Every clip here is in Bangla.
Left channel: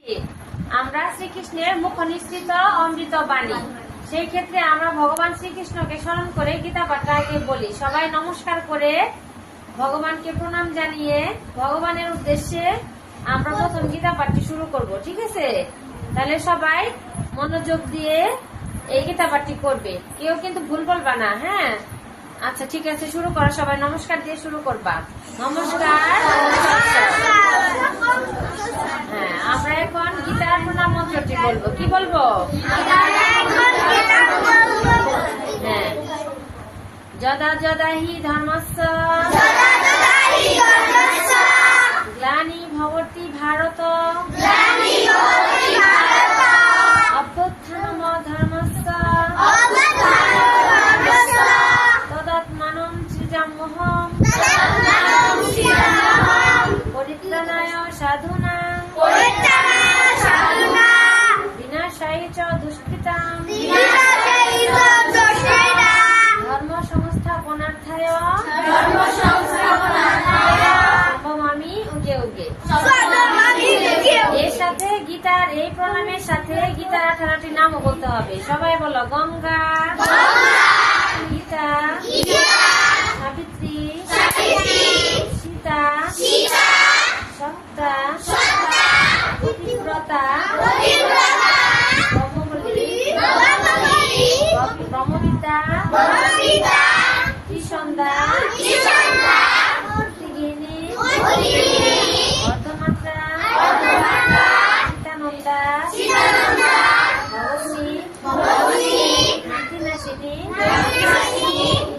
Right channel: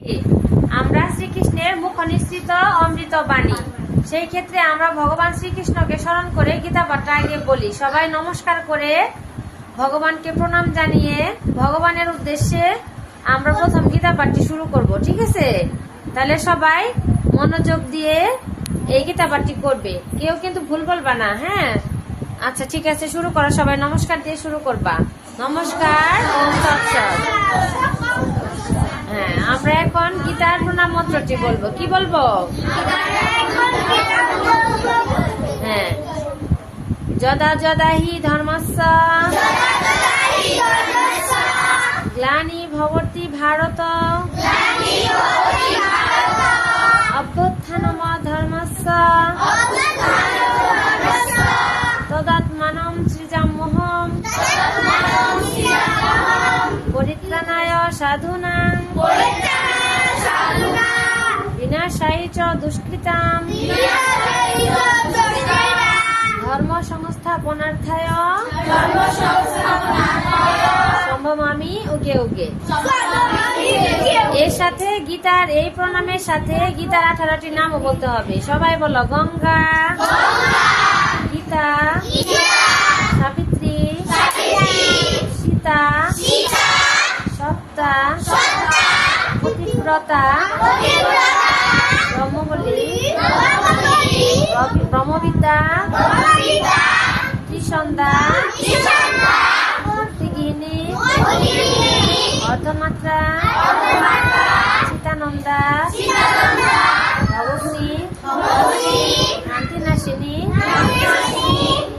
আমরা শ্রীকৃষ্ণের মুখ নিঃসৃত অমৃত বাণী। সেই ক্ষেত্রে আমরা ভগবান শ্রীকৃষ্ণকে স্মরণ করে গীতা আগে বলি, সবাই নমস্কার করে ভগবানকে প্রণাম জানিয়ে ভগবানের উদ্দেশ্যে আমরা প্রথম গীতা পাঠটি শুরু করব, ঠিক আছে? তাহলে সবাই মনোযোগ দিয়ে এই গীতা পাঠটি করবে। কেউ কিন্তু ভুল বলবা না হ্যাঁ? আচ্ছা ঠিক আছে, শুরু করো সবাই, নমস্কার দিয়ে শুরু করবা। নমস্কার হ্যাঁ আমরা এখন গীতার প্রণাম বলব কি বলব? হ্যাঁ। যদা যদা হি ধর্মস্য গ্লানি ভবতি ভারত উগে এর সাথে গীতার, এই প্রণামের সাথে গীতার আঠারোটি নাম বলতে হবে। সবাই বলো, গঙ্গা, গীতা, সাবিত্রী, সীতা, সপ্তা পতিব্রতা অর্ধমাত্রা সীতানন্দা ভবশ্রী শান্তিনাশিনী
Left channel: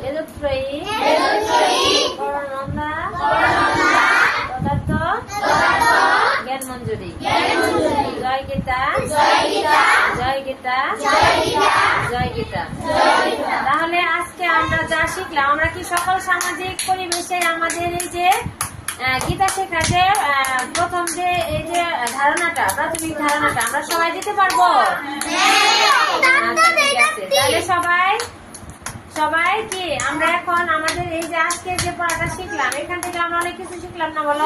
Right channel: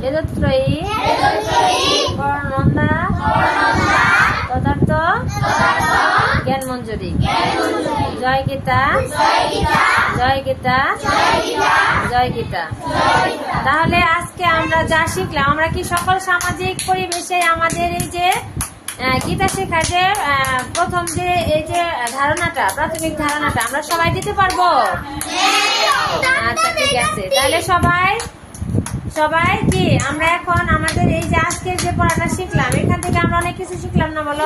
বেদত্রয়ী। পদার্থ জ্ঞান মঞ্জুরি জয় গীতা জয় তাহলে আজকে আমরা যা শিখলাম, আমরা কি সকল সামাজিক পরিবেশে আমাদের এই যে গীতা শেখা যে প্রথম যে এই যে ধারণাটা প্রাথমিক ধারণাটা আমরা সবাই দিতে পারব? আচ্ছা ঠিক আছে তাহলে সবাই সবাই কি? আমরা এখন আমাদের এই যে আজকের যে পড়াটা শিখলাম এখান থেকে আমরা অনেক কিছু শিখলাম না বলো?